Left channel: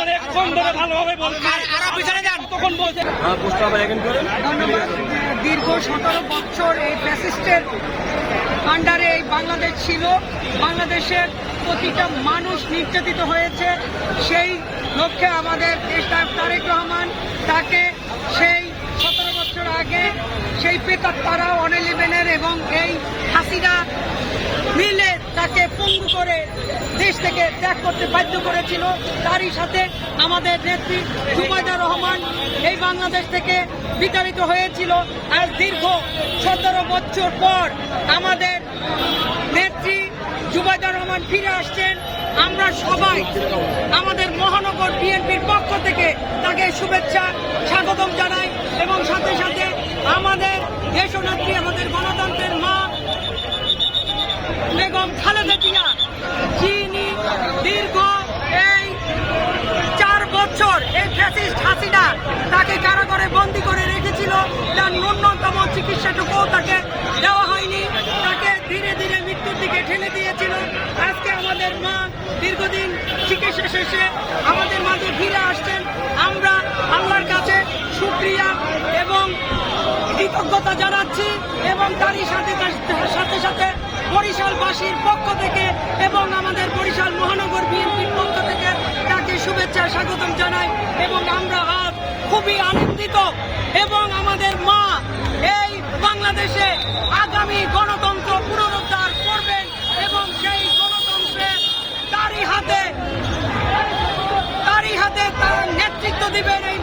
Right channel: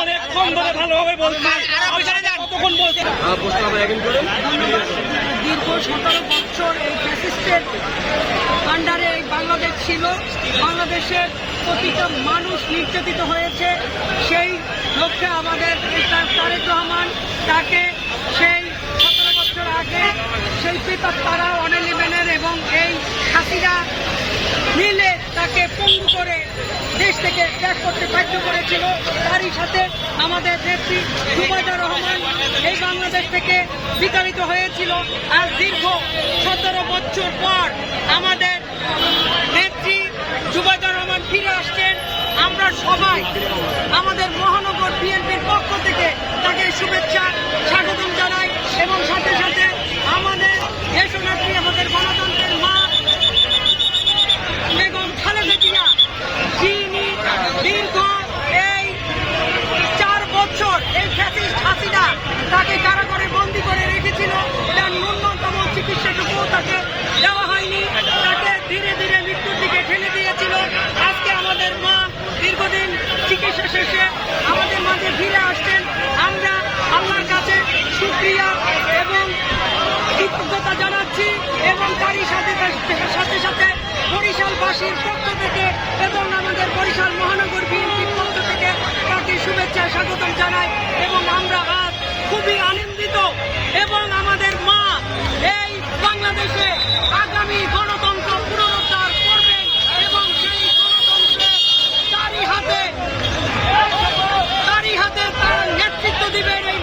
অনেকক্ষণ ধরে ভালোভাবে দীর্ঘ সতেরো বছর এই ফ্যাসিস্টের আন্ডারে এই বাংলাদেশ ছিল। বাংলাদেশের প্রতিটা মানুষ নির্যাতিত হয়েছে। সেই লক্ষ্যে আমাদের নেতা তারেক রহমান তাকে সেই সতেরো বছর আগে সেই পেপার তারা ওয়ান ইলেভেনের এবং এই মিলে তাকে পঙ্গু করে দেশ থেকে ত্যাগ করতে বাধ্য করেছিল। তারই সাথে আমাদের নেত্রী জুবাইদা রহমান এই বাংলাদেশ থেকে বিতাড়িত হয়েছিল। আজ দীর্ঘ সতেরো বছর পর আমাদের নেত্রী জুবাইদা রহমান ফিরে আসছেন। আমরা সবাই আমাদের মহানগর বিএনপির পক্ষ থেকে তাকে শুভেচ্ছা, স্বাগতম চিকিৎসা শেষে আমাদের মাঝে ফিরে আসছেন আমরা। আল্লাহর কাছে সুক্রিয়া এবং কৃতজ্ঞতা জানাচ্ছি এবং তারই সাথে সাথে সাথে বরিশালবাসীর পক্ষ থেকে এবং আমাদের বরিশাল মহানগর বিএনপির পক্ষ থেকে তাকে শুভেচ্ছা স্বাগতম জানাই এবং আমরা আজ খুবই আনন্দিত এবং আমাদের মা এই বাংলাদেশে আগামী Happy!